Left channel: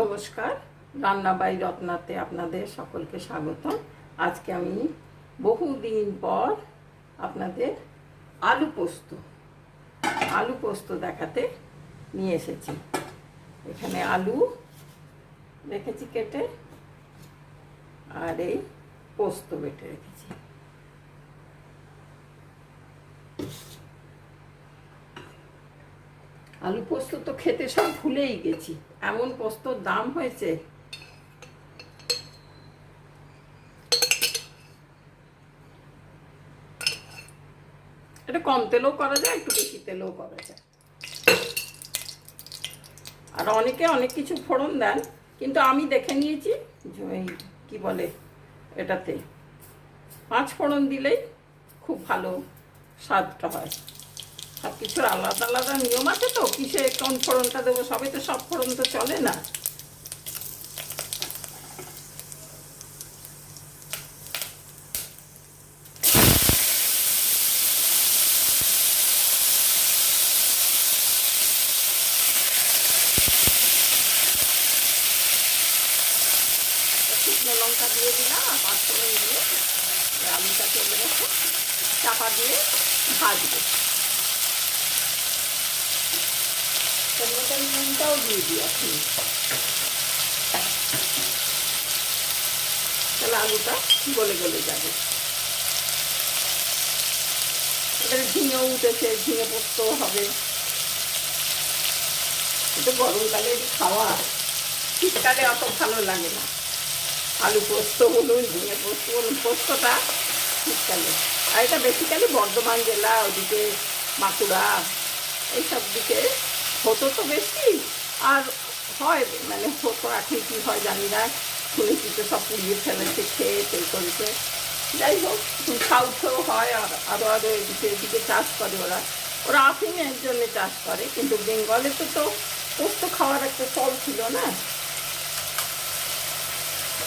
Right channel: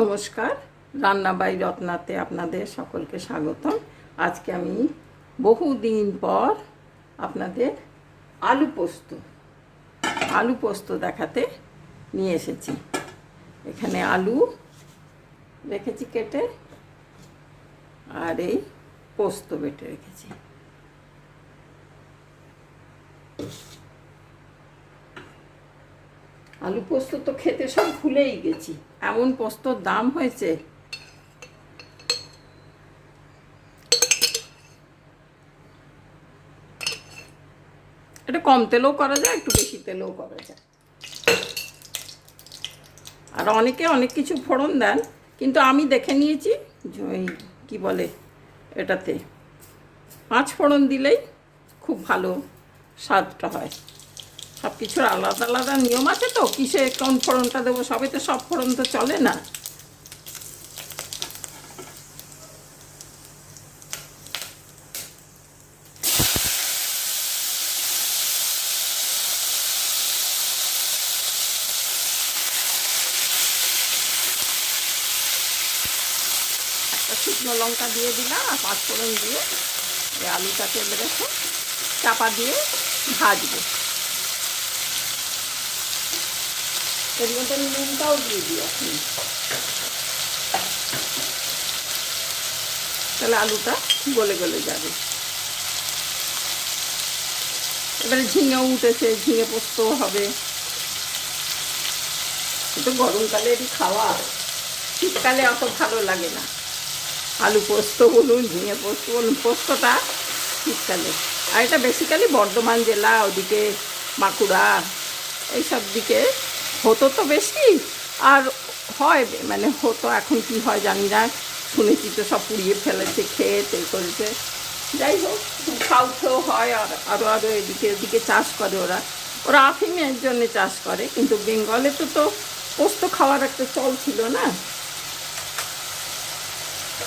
নমস্কার, রান্না বাই রত্নাতে আপনাদের সকলকে স্বাগতম। আজকে আমি বহুদিন পর আপনাদের আলু পোস্ত দেখাতে নিয়ে এসেছি। এখানে আলু রেখেছি কেটে, আর এই পোস্ত বেটে রেখেছি। আলু পোস্ত তো খেতে সব ভুলেই গেছি, এমন পোস্তর দাম হয়েছে। এটা কম তেলেও করা যায়, একটু বেশি তেলেও করা যায়, আর অনেকে অনেক কিছু ফোড়ন দেন, কিন্তু আমি দেখে নিয়েছি ওই কি বলে এটাতে 5 ফোড়ন দিলেই খুব ভালো স্বাদটা হয়। সব কিছুর আলাদা আলাদা নিয়ম আছে, তো কিসে কোন ফোড়নটা দেবো, সবাই তো সব ফোড়ন তো চলে না। শুকনো লঙ্কা দিয়ে দিলাম আর 5 ফোড়ন দিয়ে এই আলুটা তেলে রেখে চাপা দিয়ে ভাজবো। পরিমাণ নুনটাও দিয়ে দিই আপনি, তাহলে আলুটা গলে গলে যাবে। এবারে ঝিঙেও উঠেছে, ঝিঙে পোস্ত হবে। এটা গরমকালেরই খাওয়া, শীতকালে অত ভালো লাগে না। আলু পোস্ত বলুন, ঝিঙে পোস্ত বলুন, পোস্তটা শীতকালে। আর এটা বেসিক্যালি বর্ধমান জেলা, ওদিকে বাঁকুড়া এইসব দিকে হতো তো বেশি, আর হয় মানে হতো। এখন কি হয় জানি না, শুনেছি তো সব পুড়িয়ে ফেলেছে, খেয়েছে করেছে। যাই হোক, সাউথেও হয়, আর আরও এদিকে চাষ করে ওরা আফিমের জন্য চাষ করে। কিন্তু বেঙ্গলে তো পোস্ত খাওয়ার একটা চল ছিল না,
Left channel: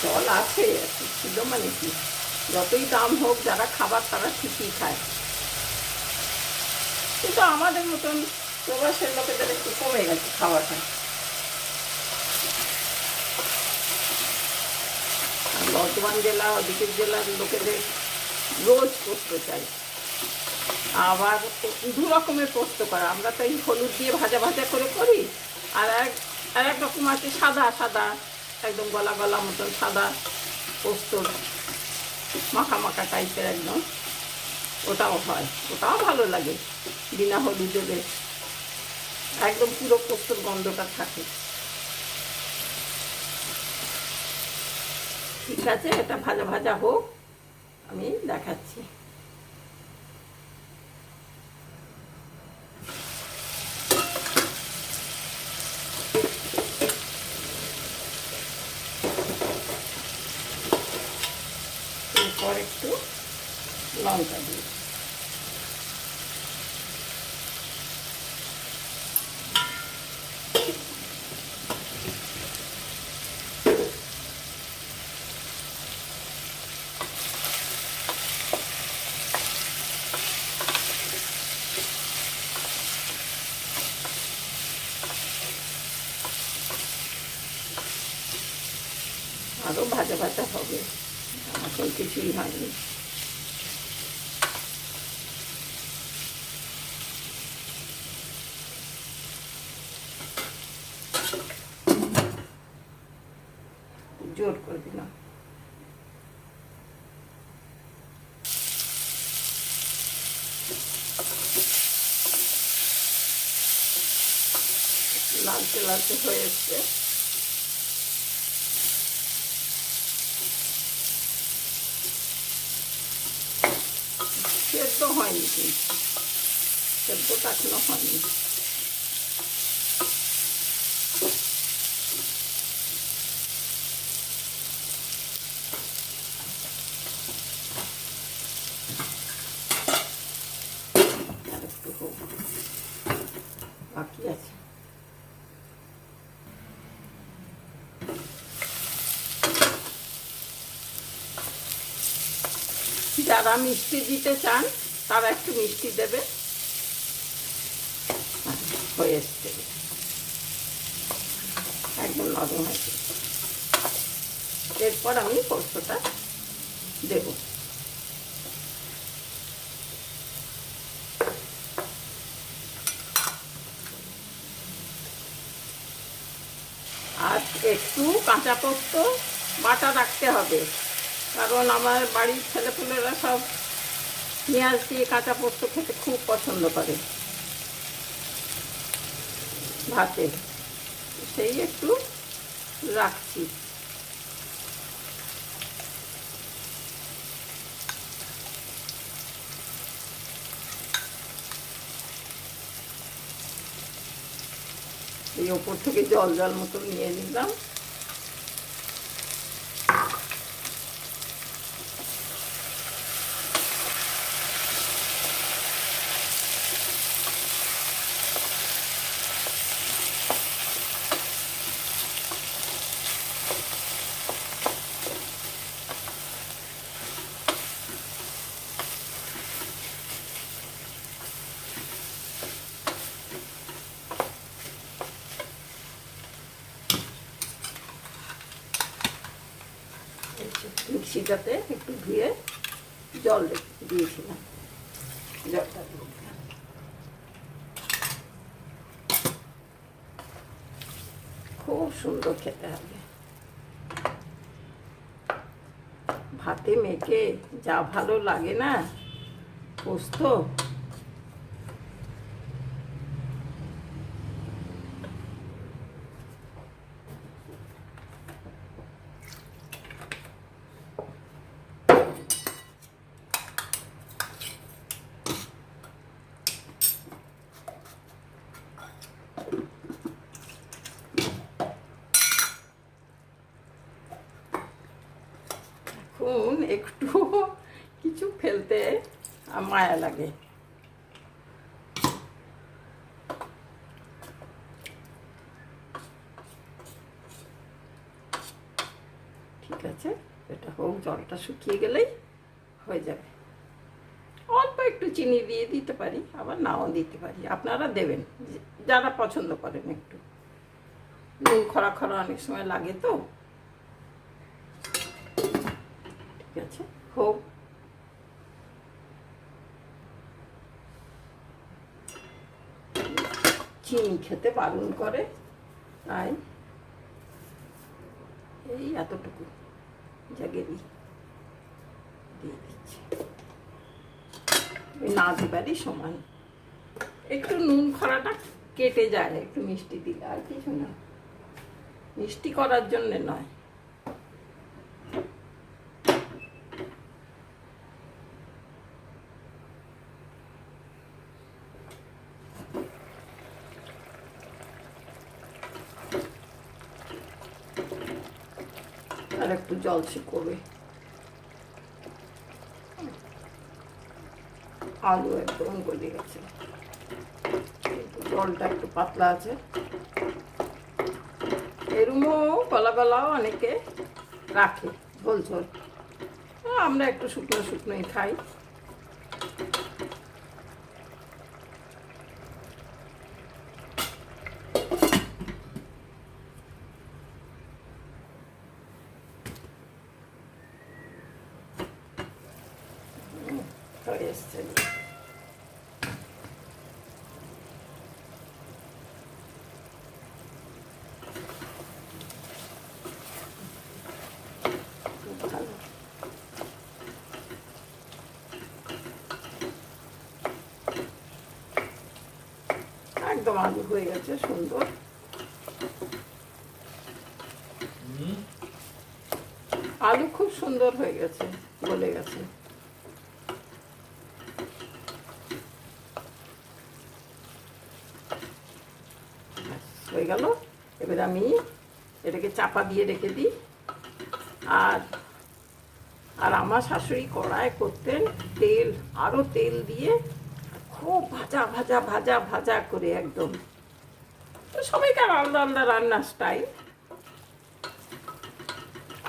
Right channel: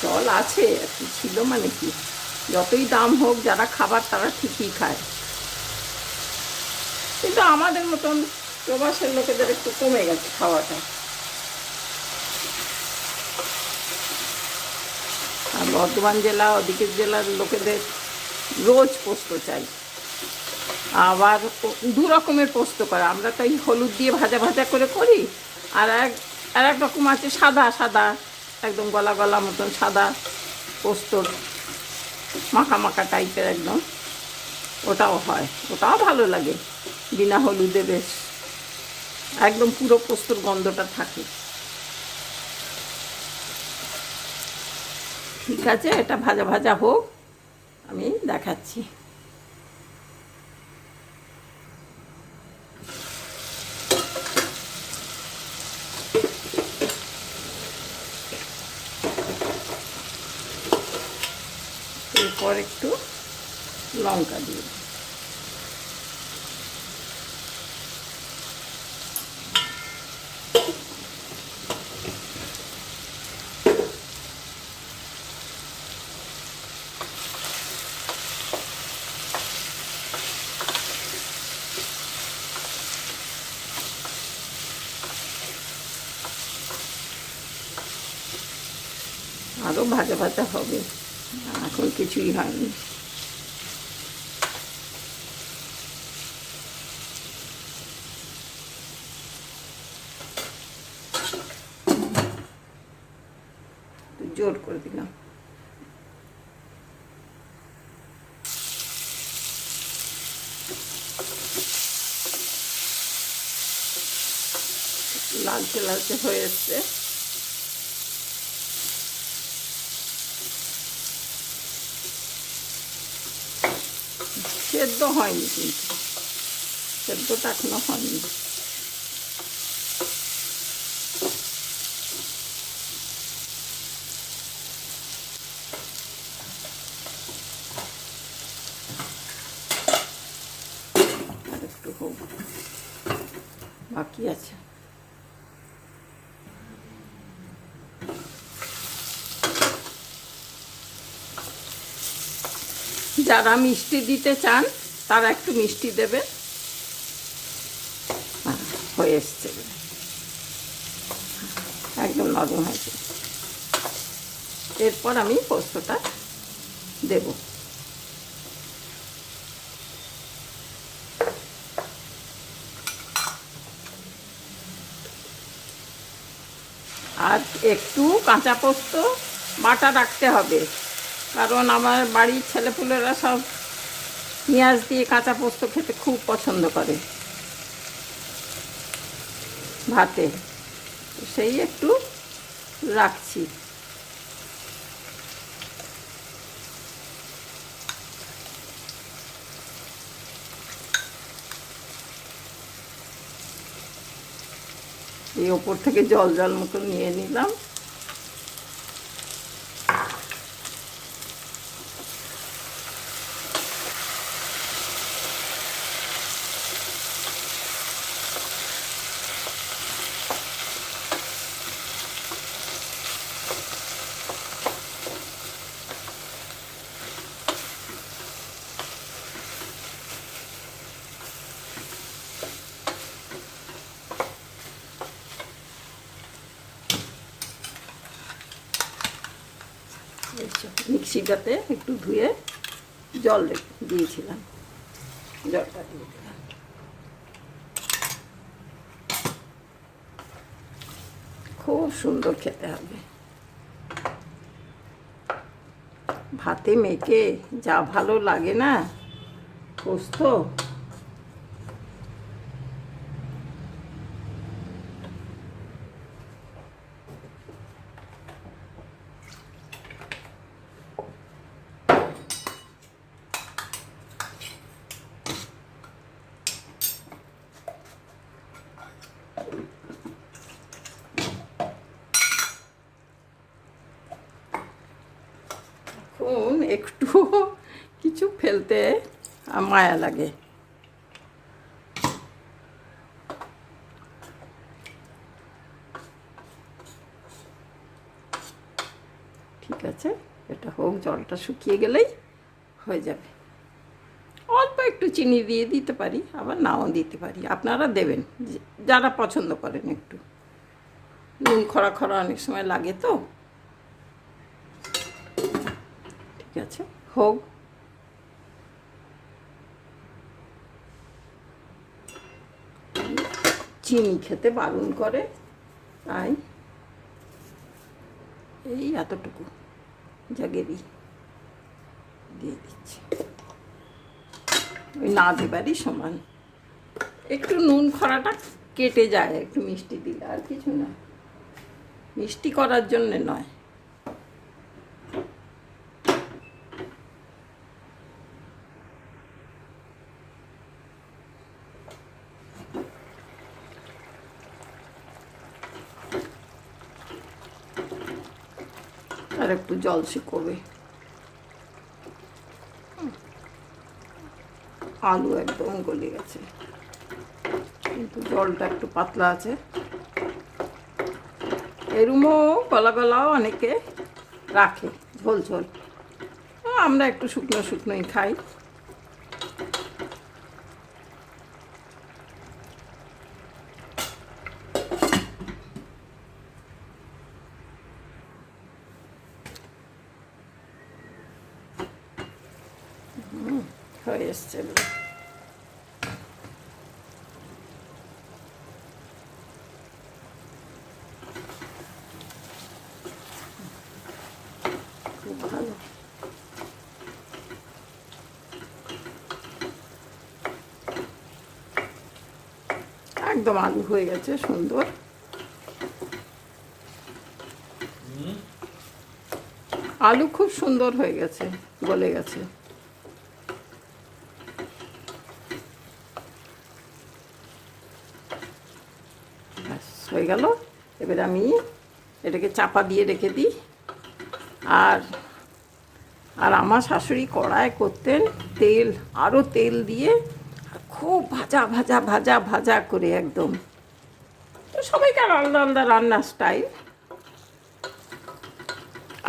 চল আছে আর কি, ছিল মানে কি, যতই দাম হোক যারা খাবার তারা ঠিকই খায়। কিন্তু আমাদের মতন প্রবাসের লোকেদের একটু কমে গেছে খাওয়াটা। আর বর্ধমান জেলা ওদিকের জেলার লোকেদের রোজ পোস্ত চাই। আবার 2 রকমের পোস্ত করে, আমরা তো এই হলুদ দিয়ে ভাজা ভাজা করে করি, আর এক রকম আছে সাদা সাদা, একদম গলা গলা মতন সাদা পোস্ত, মাখা মাখা টাইপের একদম, ওটাও হয়, ওটাও ভালো লাগে। বিনা হলুদে বেশ একদম পুরো পোস্তর গন্ধটা থাকে। ঠিক আছে, এটা ভাজা ভাজা হোক, আমি দেখাচ্ছি। এরপর একটু লঙ্কা দিই, আরও ভাজা ভাজা হবে, এখন কিছুই হয়নি। জোর করে দিলাম। লালচে লালচে হয়ে এসছে, সেদ্ধ হয়নি, কিন্তু সেদ্ধটা এখনো হয়নি। একটু হোক, বাকি আছে। যারা মিষ্টি দিতে চান তারা একটু মিষ্টি দেবে। হয়ে এসছে, একদম দারুণ হয়েছে। এরপর আমি পোস্তটা দেব। আর একটু কাঁচা পোস্ত বাটা রাখতে হবে, কারণ আমার বাড়ির ছেলেপুলেরা সব পেঁয়াজ দিয়ে কাঁচা পোস্ত খেতে খুব পছন্দ করে ভাতে, সেই একটু রাখছি। এই ওপর থেকে জল জল মতো নিয়ে নিলাম। মিক্সিটাতে একটু ধুয়ে জল দিয়েছিলাম, জলটা দিয়ে দিলাম। খুব সুন্দর খেতে হবে, ভাতে মেখে যা ভালো লাগে না পোস্ত। এখন একটু কিছু ফেলতে মায়া লাগে। ঠিক আছে, এটা হোক, জলটা শুকিয়ে গেলেই হয়ে যাবে। অল্প একটু চিনি দিয়ে দিতে পারি, আবার নাও দিতে পারি, আপনারা দেবেন যারা পছন্দ করেন। একটু নুন খরা খরা অনেক সময় লাগে তো। ঠিক আছে, হোক। চিনি খেতে বারণ করে, তাই এই এতটুকু জাগেরি দিয়ে দিচ্ছি, ওই না দিবারই সমান। একটু নুন খরাটা কেটে যায় একটু মিষ্টি দিলে, আর কিছু না, মিষ্টি করার জন্যে নয়। আর একটু জল শুকোবে। আলু একদম গলে গেছে, কিন্তু জলটা একটু পাতলা আছে। এরমও গলা গলাও অনেকে রাখে ঝোল ঝোল, আমরা একটু শুকনো শুকনোই খাই। হয়ে এসছে, ভালো। একদম আলু হয়ে গেছে সুন্দর। আলু খুব সুন্দর হয়ে গেছে, গলে গেছে। হয়ে গেল। এবার আমি এটাকে চাপা দিয়ে রেখে দিই। আর আর আমার শাশুড়ি কড়ায় করতেন তেল, আরও তেল দিয়ে খুব ভাজা ভাজা ভাজা ভাজা করে একদম। তো সবাইকার আলাদা আলাদা রান্নার স্টাইল,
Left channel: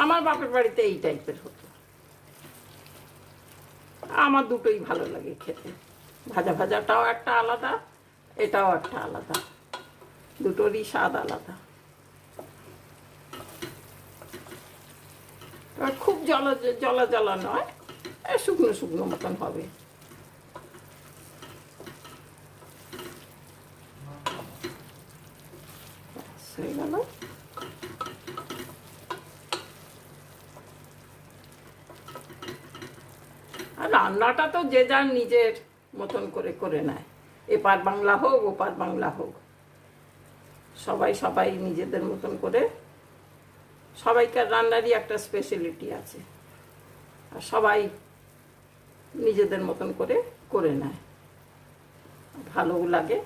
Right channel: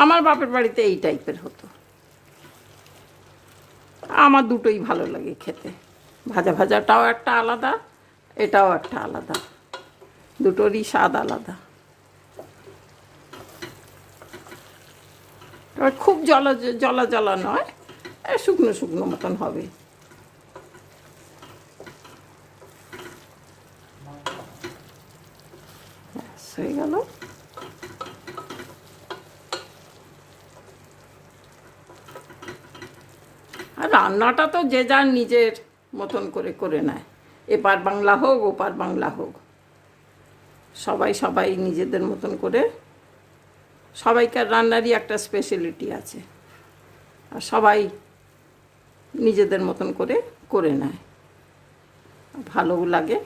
আমার বাপের বাড়িতে এই টাইপের হতো। আমার দুটোই ভালো লাগে খেতে, ভাজা ভাজাটাও একটা আলাদা, এটাও একটা আলাদা, দুটোরই স্বাদ আলাদা। এবার খুব জলা জলা জলা নয়, শুকনো শুকনো মতন হবে। হয়ে গেল। আর রান্নাটা তো যে যার নিজের মতন করে করে নেয়, এপার বাংলা হোক ওপার বাংলা হোক, সবাই সবাই নিজেদের মতন করে, সবাইকার রান্নারই একটা স্পেশালিটি আছে, আর সবাই নিজেদের মতন করে করে নেয়, ভালোও লাগে।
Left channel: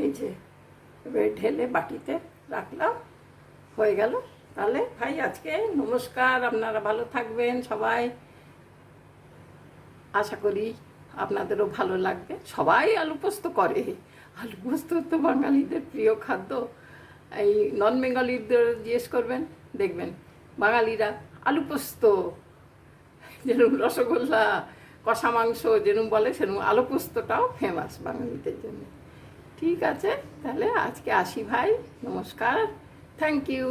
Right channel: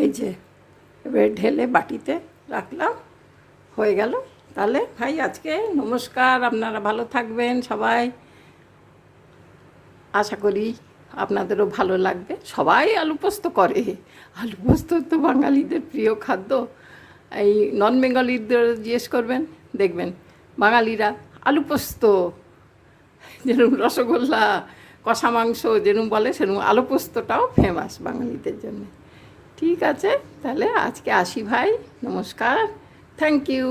এই যে এবার ঢেলে বাটিতে রাখলাম, হয়ে গেল। তাহলে ভাই আজকে নমস্কার, আপনারা ভালো থাকবেন সবাই, আশা করি আপনাদেরও ভালো লাগবে। সবাই আলু পোস্ত করে, আলু পোস্ত তো বাঙালিদের প্রিয় খাদ্য। এই নন বেঙ্গলিদের জিজ্ঞেস করবেন, দেখবেন বাঙালিরা আলু পোস্ত, যেরকম রসগোল্লা, কষা মাংস যেরকম বলে, সেরকম আলু পোস্তটাও ফেমাস বাঙালিদের জন্য। ঠিক আছে, তাহলে আজকে আসি ভাই, নমস্কার, থ্যাংক ইউ।